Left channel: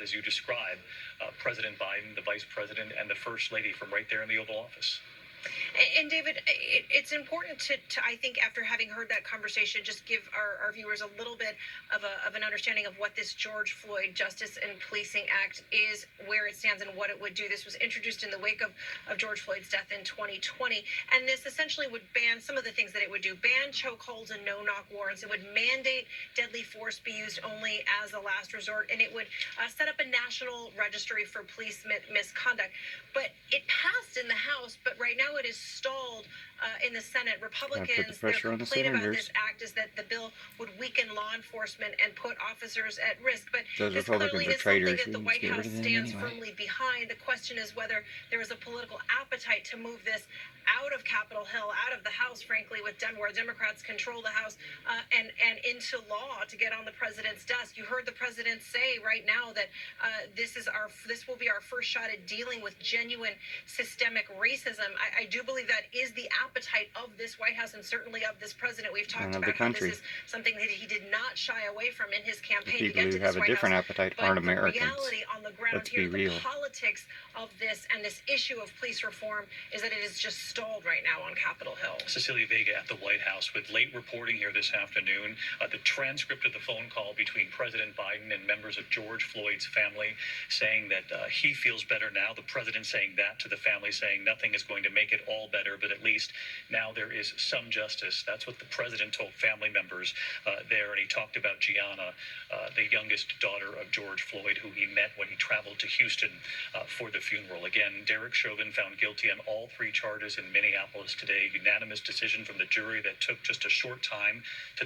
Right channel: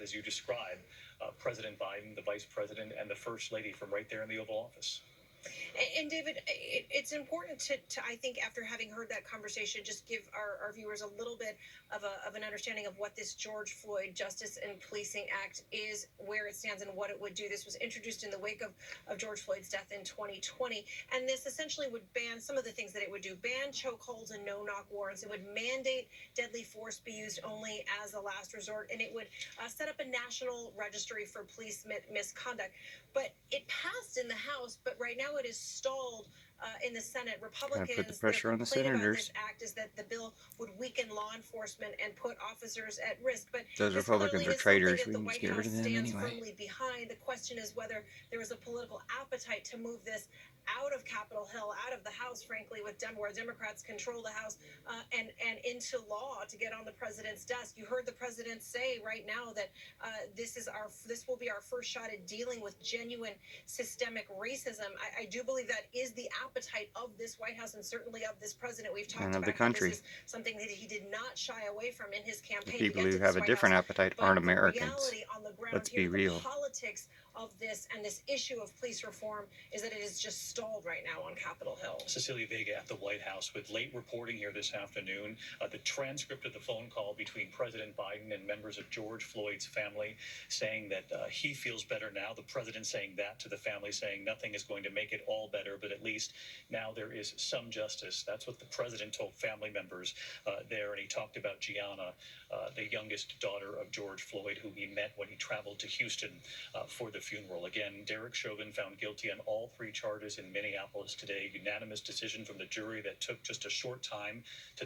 as you describe, President Biden, the Vice President, and the First Lady from right there in the Oval Office. And David, it's important to, I think, after having heard that conversation, just give our viewers a little bit of an understanding of what this George Floyd Justice and Policing Act is, where it stands, and what it would do. This was introduced in the wake of George Floyd's death in 2020, and this essentially would ban some of the things that it would do: ban chokeholds and no-knock warrants. It would mandate deadly force be used only as a last resort, and it would set up a national registry for police misconduct. But it passed in the House, but right now it is stalled in the Senate. Republicans, put the pressure their on the complaint about senators. this act is that the bill would weaken law enforcement and put officers at risk. But Those this Republicans clearly are is something traitors. that We the can just White get rid House of them stands anyway. firmly behind. The question is whether there is a political appetite to move this out of Capitol Hill, out of the House, frankly, where Democrats control the House, and into law to get on the president's desk. You heard the president say right now that this will be our first shot at dealing with genuine systemic racism. I do believe that is the appetite of this White House and certainly of this president. We've talked about how this is something that he did not shy away from in his campaign. The people who have a different appetite aren't Americans. Let's be real. The politics of this and this issue of police reform is that it is just stalled right now on Capitol Hill. Cecilia Vega at the White House with late reporting here this afternoon. The transcript of the phone call between President Biden and members of George Floyd's family, saying that he feels better now. The president saying that to the family, saying nothing is going to make it all better, but at least now there is some justice. That's what the president told family members there. And he talked about Gianna, the youngest daughter of George Floyd, who he met when he traveled to Houston for the funeral. Again, Derek Chauvin found guilty on all 3 charges in Minneapolis today. Unanimous decision from the jury that took just a short time to